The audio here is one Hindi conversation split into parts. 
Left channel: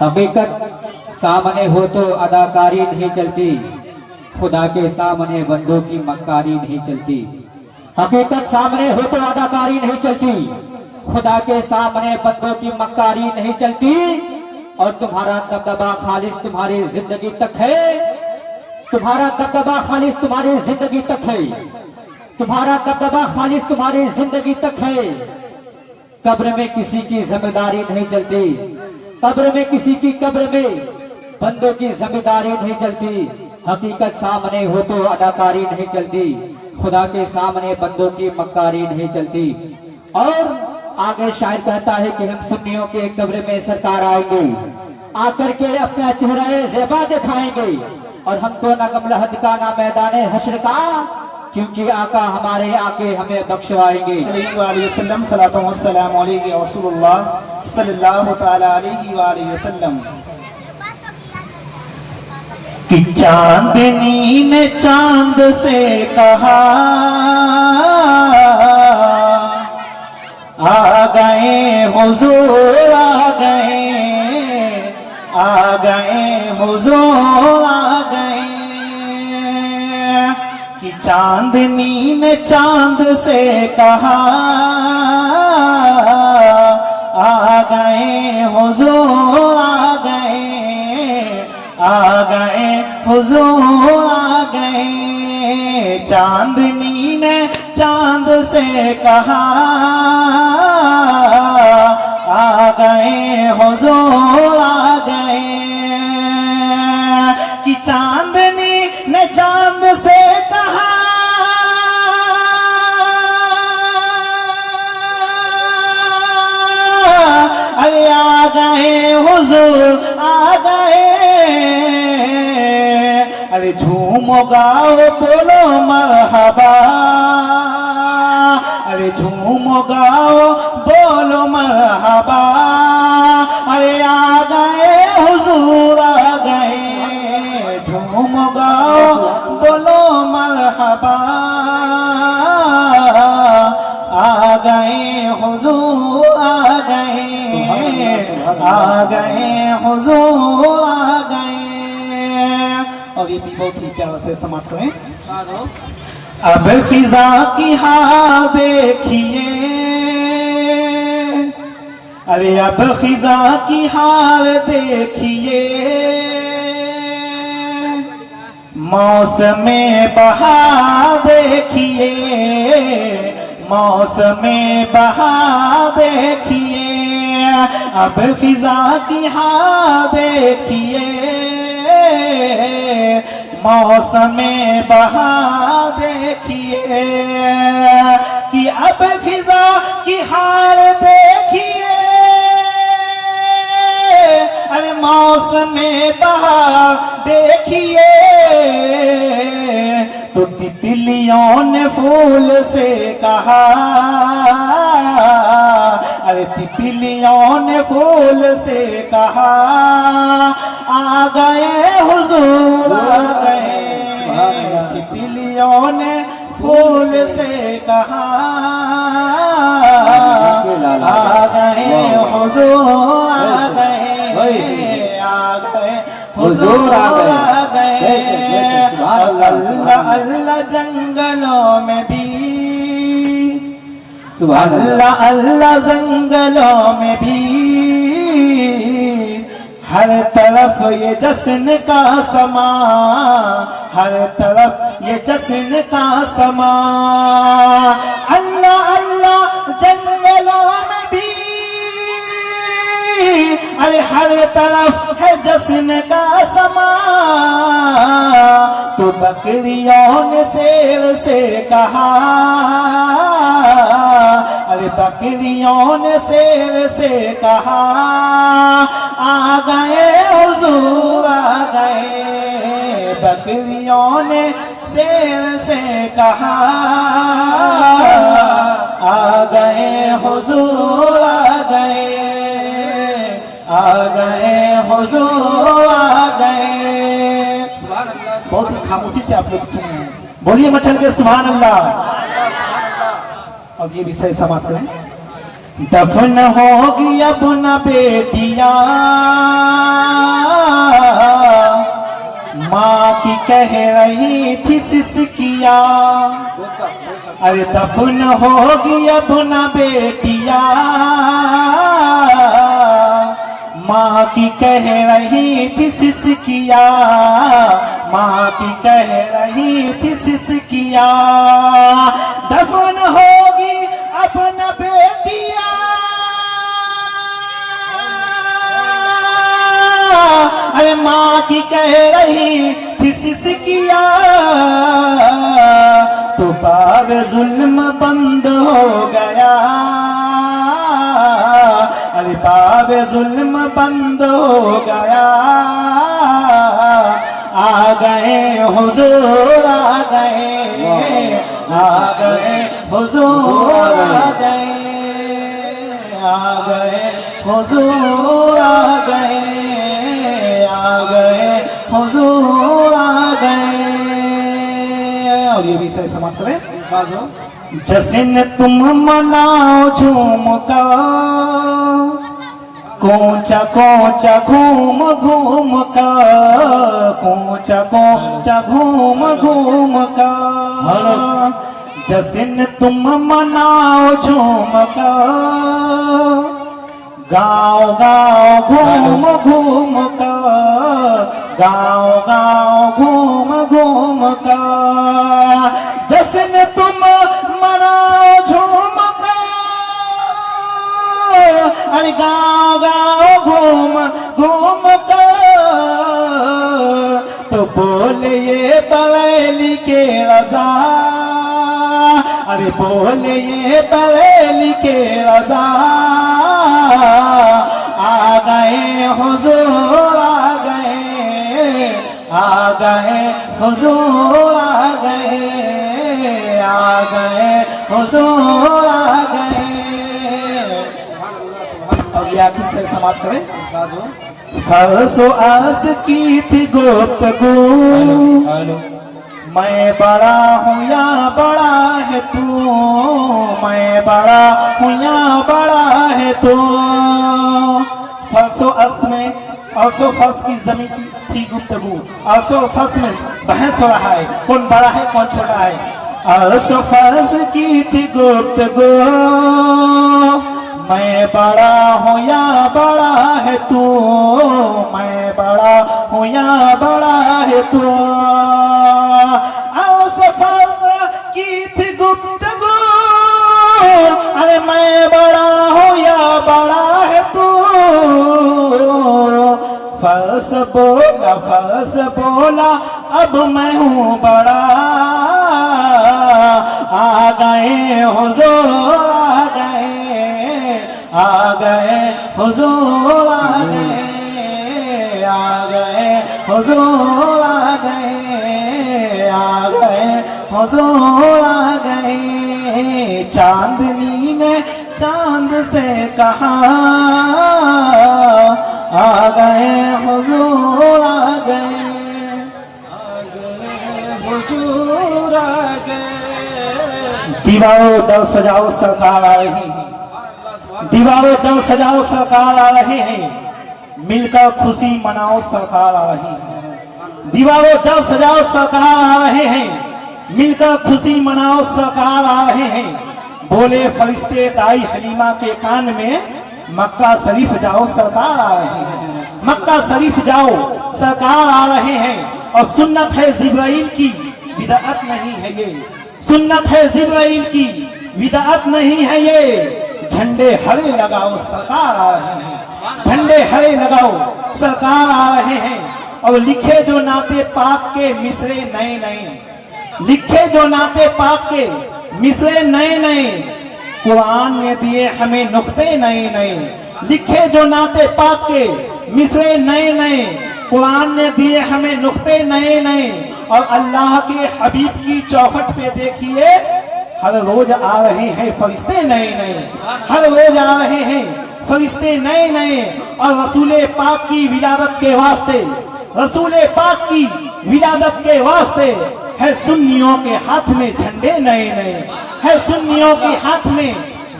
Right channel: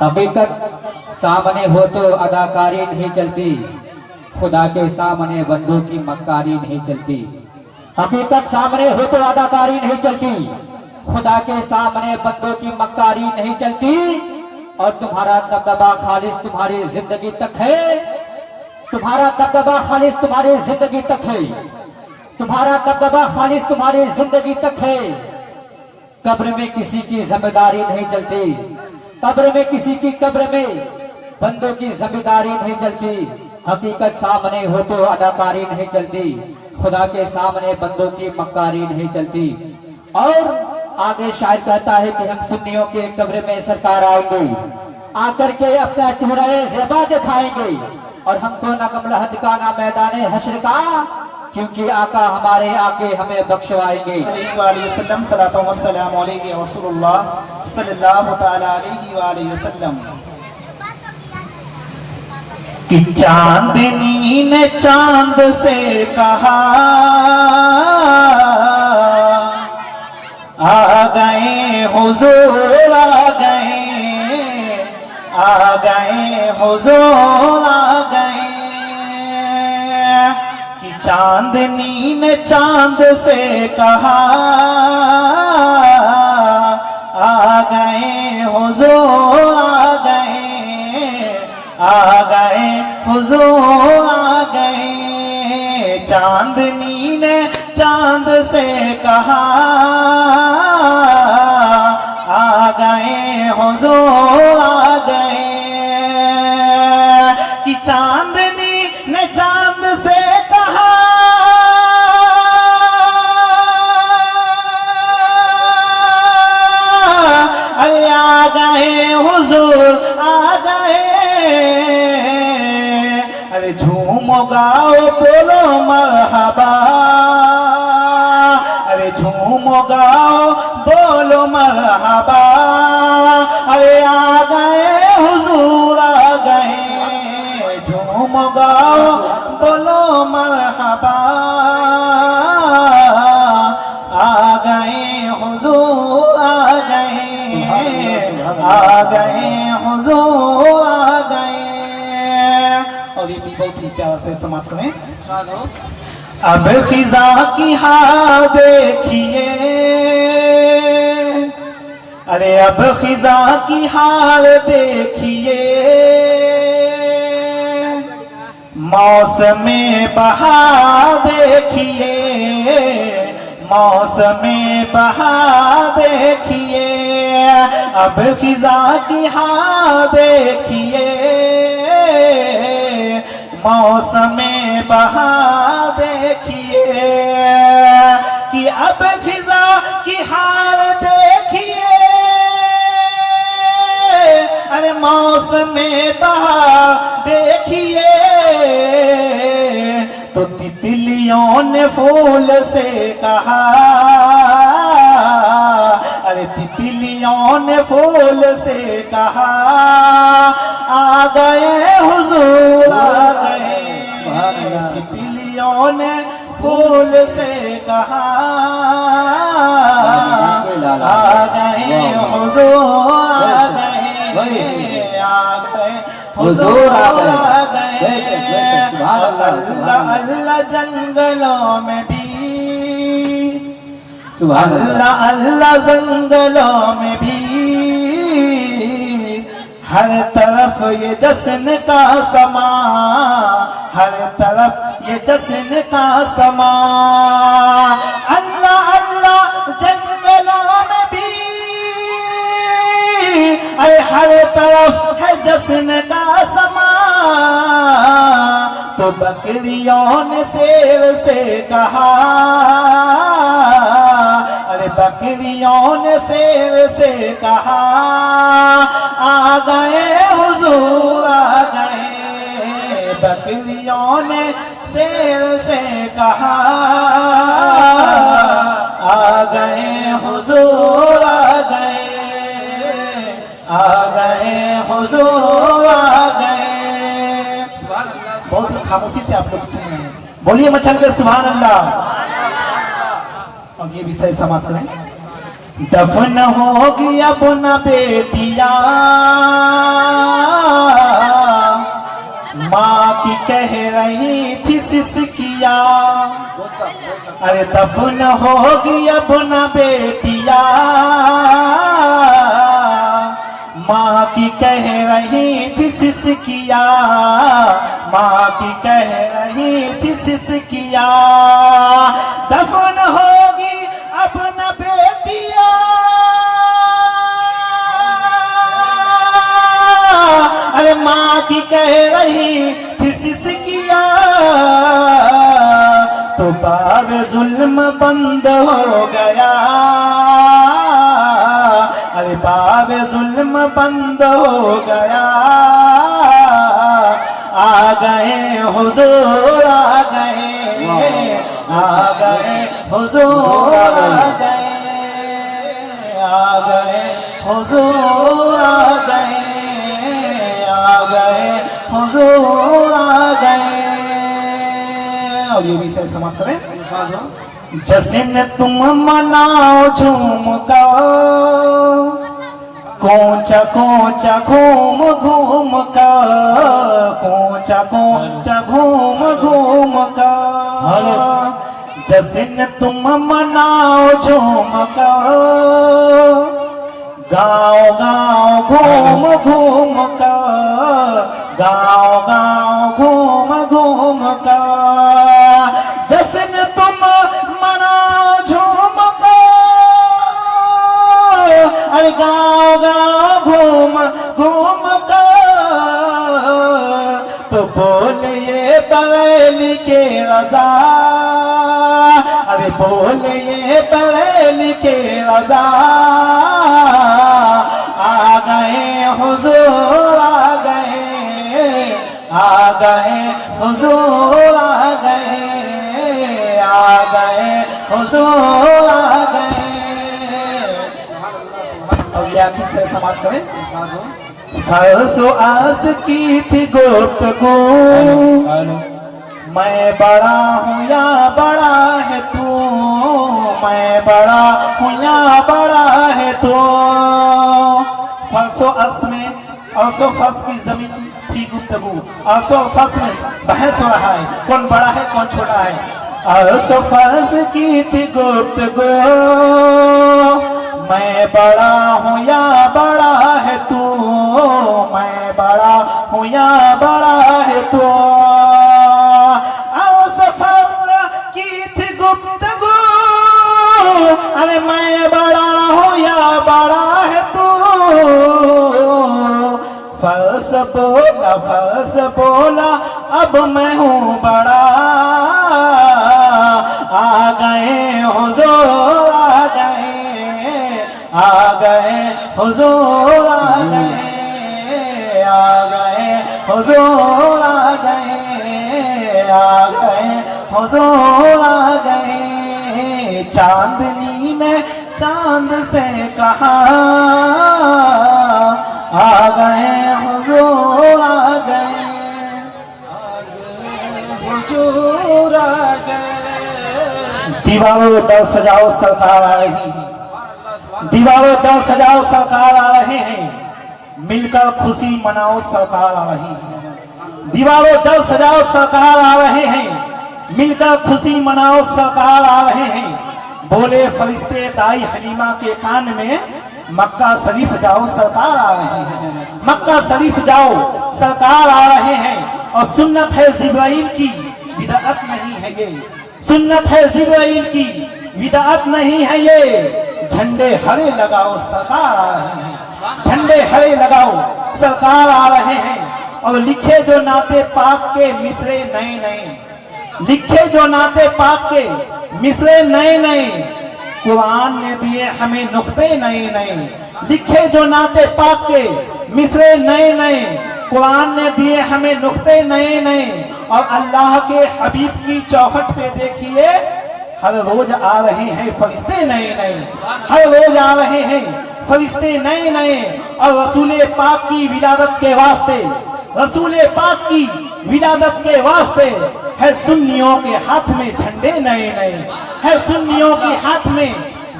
हकीकत सामने हो तो अदाकारी नहीं चलती, खुदा के सामने बंदों की मक्कारी नहीं चलती। हकीकत सामने हो तो अदाकारी नहीं चलती, खुदा के सामने बंदों की मक्कारी नहीं चलती। और तुम्हारा दबदबा खालिस तुम्हारी जिंदगी तक है, तुम्हारा दबदबा खालिस तुम्हारी जिंदगी तक है, तुम्हारा दबदबा खालिस तुम्हारी जिंदगी तक है। कब्र में किसी की जिम्मेदारी नहीं चलती, कब्र में किसी की कब्र में बंदों की जिम्मेदारी नहीं चलती। हकीकत सामने हो तो अदाकारी नहीं चलती, खुदा के सामने बंदों की मक्कारी नहीं चलती। और आगे शायर कहता है कि हम सुन्नियों के कब्र में सरकार आएंगे, आकर के अपना चेहरा ज़ेबा दिखाएंगे, और हमको ना गमलहद का ना मैदान हश्र का, क्योंकि आका हमारे आके हमें बख्शवाएंगे। कि चांदनी ने चांद से कहा आ गए हुजूर, आ गए हुजूर, आ गए। कि चांदनी ने चांद से कहा आ गए हुजूर, आ गए हुजूर, आ गए। चांदनी ने चांद से कहा आ गए हुजूर, आ गए। कि चांदनी ने चांद से कहा अरे आ गए हुजूर, आ गए। अरे झूमो गाओ बोलो मरहबा, अरे झूमो गाओ बोलो मरहबा। अरे आ गए हुजूर, आ गए। झूमो गाओ बोलो मरहबा, आ गए हुजूर, आ गए, आ गए हुजूर, आ गए। और ये भी बहुत ही प्यार से समाप्त करें। अब खिजा की हाल देखिए, अरे अब खिजा की हाल देखिए। मौसमे बहार देखिए, मौसमे बहार देखिए। अब खिजा की हाल देखिए, मौसमे बहार देखिए। कि अब खिजा की हाल देखिए, अरे मौसमे बहार देखिए। तो तितलियों ने फूल से कहा, अरे तितलियों ने फूल से कहा आ गए हुजूर, आ गए। तितलियों ने फूल से कहा आ गए हुजूर, आ गए, आ गए हुजूर, आ गए। अल्लाह अल्लाह जंगलों में भी, अल्लाह अल्लाह जंगलों में भी। हर तरफ ये जश्न का समा, हर तरफ ये जश्न का समा। अल्लाह अल्लाह जंगलों में भी, अरे हर तरफ है जश्न का समा। तो बकरियों ने शेर से कहा, अरे बकरियों ने शेर से कहा आ गए हुजूर, आ गए। बकरियों ने शेर से कहा आ गए हुजूर, आ गए, आ गए हुजूर, आ गए। बहुत ही खामोशी से आप लोग सुने, बोलिए मचल के सुभान अल्लाह। और ये विषय समाप्त करें। दफन होगी अब न बेटियां, की कह रही थी सिसकिया, अरे दफन होगी अब न बेटिया। माँ की कह रही थी सिसकिया, माँ की कह रही थी सिसकिया, दफन होगी अब न बेटिया। अरे माँ की कह रही थी सिसकिया, तो बाब जुल्म बंद हो गया। अरे बाब जुल्म बंद हो गया। आ गए हुजूर आ गए, आ गए हुजूर आ गए, आ गए हुजूर आ गए, आ गए हुजूर आ गए। और ये भी सही समाप्त करें। जश्न तुम मनाओ झूम का, कोंचा कोंचा घूम घूम का, कोंचा कोंचा घूम घूम का। जश्न तुम मनाओ झूम का, गाँव गाँव घूम घूम का, गाँव गाँव घूम घूम का। जश्न तुम मनाओ झूम का, अरे गाँव गाँव घूम घूम का। तो बोले ये बरेली के रजा, अरे बोले ये बरेली के रजा। आ गए हुजूर आ गए, आ गए हुजूर आ गए, आ गए हुजूर आ गए। अब ये आखिर से समाप्त करें। फरसो आस की थी गुफ्तगू, मैं बड़ा हूँ या बड़ा है तू, मैं बड़ा हूँ या बड़ा है तू। फरसो अर्श में, अर्शो फर्श की जमीन थी गुफ्तगू, अर्शो फर्श में बहस हो रहा है कौन बड़ा है कौन छोटा है। अर्शो फर्श की थी गुफ्तगू, मैं बड़ा हूँ या बड़ा है तू, मैं बड़ा हूँ या बड़ा है तू। की थी गुफ्तगू, अरे मैं बड़ा हूँ या बड़ा है तू। फर्श बोला, फर्श बोला, अब मैं हूँ बड़ा। आ गए हुजूर आ गए, आ गए हुजूर आ गए, आ गए हुजूर आ गए, आ गए हुजूर आ गए। चांदनी ने चांद से कहा, आ गए हुजूर आ गए, हुजूर आ गए। दीवारों दर सजाओ सरकार आ रही है, दीवारों दर सजाओ सरकार आ रहे हैं, मिलकर खुशी मनाओ सरकार आ रही है। दीवारों दर सजाओ सरकार आ रहे हैं, मिलकर खुशी मनाओ सरकार आ रहे हैं। बोले फरिश्ते दाई हलीमा के कान में, मक्का शरीफ जाओ सरकार आ रहे हैं, मक्का शरीफ जाओ सरकार आ रहे हैं। और सुन्नत है जिब्राइल की, बिदअत नहीं है ये, सुन्नत है जिब्राइल की, बिदअत नहीं है ये। झंडे हरे लगाओ सरकार आ रहे हैं, झंडे हरे लगाओ सरकार आ रहे हैं। और लिखे जो नाते पाक के मिसरे नए नए, लिखे जो नाते पाक के मिसरे नए नए, कुरान ने दिए हमें नुक्ते नए नए। लिखे जो नाते पाक के मिसरे नए नए, कुरान ने दिए हमें नुक्ते नए नए। और अल्लाह के हबीब की चौखट पे देखिए, हर रोज आ रहे हैं फरिश्ते नए नए, हर रोज आ रहे हैं फरिश्ते नए नए। और रसूल पाक की विलादत के वास्ते, रसूल पाक की विलादत के वास्ते है सुन्नियों के हाथ में झंडे नए नए, है सुन्नियों के हाथ में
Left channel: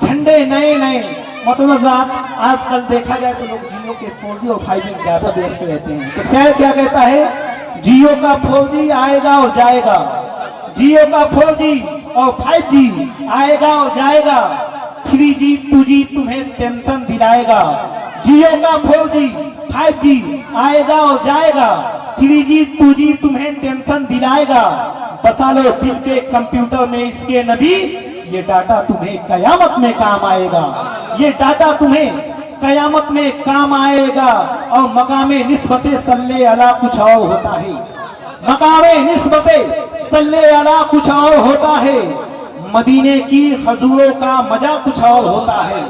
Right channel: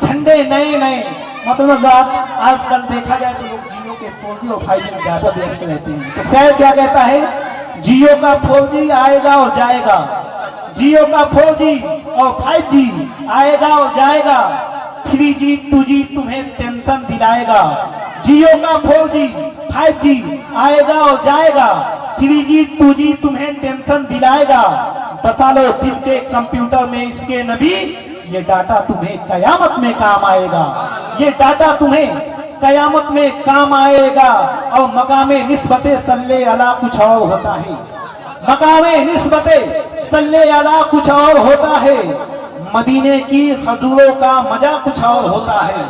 झंडे नए नए। मतलब आजकल देखा जाए तो लोग जियो के 4G और 5G में ज्यादा व्यस्त रहते हैं। तो शायद क्या कहता है जियो का 4G आएगा और जाएगा, जियो का 4G और 5G आएगा और जाएगा, 3G 2G तुम्हें टेंशन दिलाएगा। जियो का 4G 5G आएगा और जाएगा, 3G 2G तुम्हें टेंशन दिलाएगा। बसा लो दिल के कंप्यूटर में इसके नबी, ये डाटा तुम्हें कयामत में काम आएगा, ये डाटा तुम्हें कयामत में काम आएगा। और मकामे निस्बते सल्ले अला कुछ और होता है, मकामे निस्बते सल्ले अला कुछ और होता है, मदीने की हजूरों का मजा कुछ और होता है।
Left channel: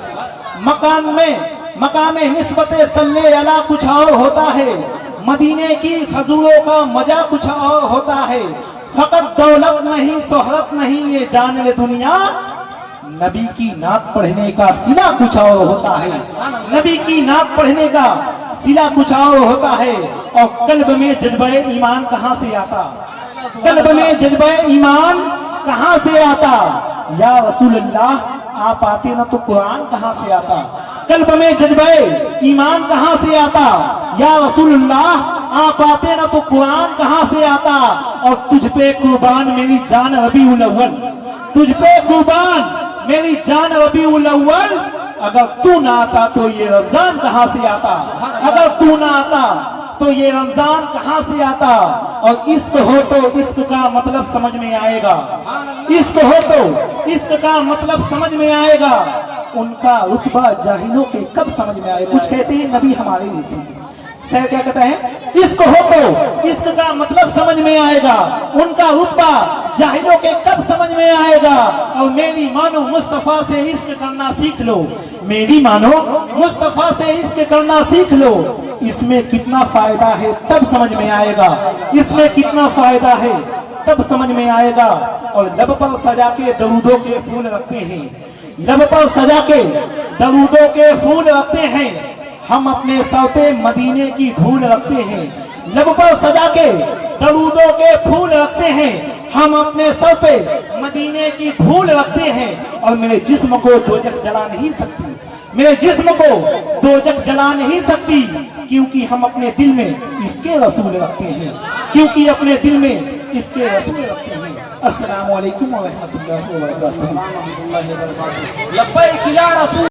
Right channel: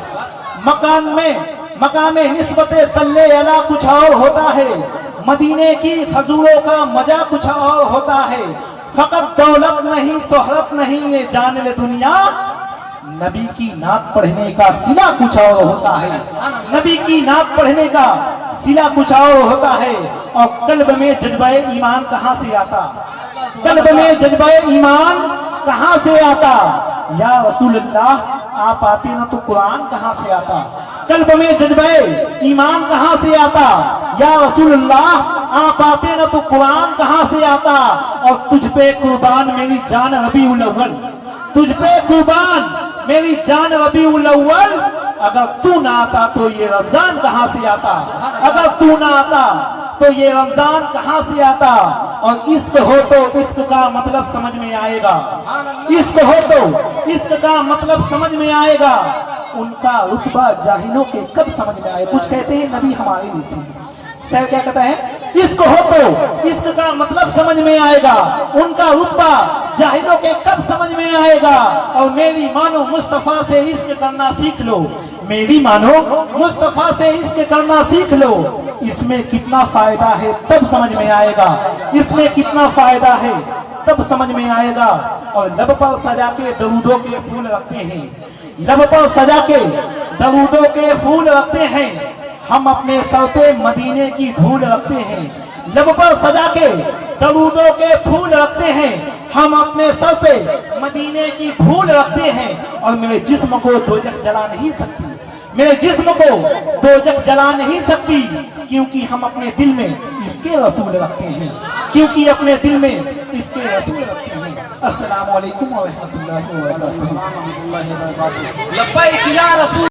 मकामे निस्बते सल्ले अला कुछ और होता है, मदीने की हजूरों का मजा कुछ और होता है। फकत दौलत नहीं शोहरत नहीं ये जान ले दुनिया, नबी की नात पढ़ने का सिला कुछ और होता है, नबी की नात पढ़ने का सिला कुछ और होता है। और कल्ब में जज्बा ईमान कहां से आता, कल्ब में जज्बा ईमान कहां से आता। या रसूलुल्लाह आप आते ना तो कुरान कहां से आता, कल्ब में जज्बा ईमान कहां से आता। या रसूलुल्लाह आप आते ना तो कुरान कहां से आता। और तुझ पे कुर्बान मेरी जान रबीउल अव्वल, तुझ पे कुर्बान मेरी जान रबीउल अव्वल, अगर तू ना आता तो ये रमजान कहां से आता, अगर तू ना आता तो ये रमजान कहां से आता। और इश्क हो तो इश्क का मतलब समझ में आएगा, इश्क हो तो इश्क का मतलब समझ में आएगा। उनका रुतबा जाहिलों के कब समझ में आए। कुछ कहते हैं नबी हमारे लिए, शायद क्या कहता है, इश्क हो तो इश्क का मतलब समझ में आएगा, उनका रुतबा जाहिलों के कब समझ में आएगा। और मेरी मानो मुस्तफा से इश्क करना सीख लो, मेरी मानो मुस्तफा से इश्क करना सीख लो। इसमें कितना फायदा है तब समझ में आएगा, इसमें कितना फायदा है तब समझ में आएगा। और लब पर सजा के दरूदों के फूल रखते हैं, लब पर सजा के दरूदों के फूल रखते हैं, हम अपने सर पे मदीने की धूल रखते हैं। लब पर सजा के दरूदों के फूल रखते हैं, हम अपने सर पे मदीने की धूल रखते हैं। और मेरे जिस्म को दोजख जला नहीं सकती, मेरे जिस्म को दोजख जला नहीं सकती, क्योंकि हम अपने दिल में इसके रसूल रखते हैं, क्योंकि अपने दिल में इसके रसूल रखते हैं। अस्सलामु अलैकुम व रहमतुल्लाहि व बरकातुहू।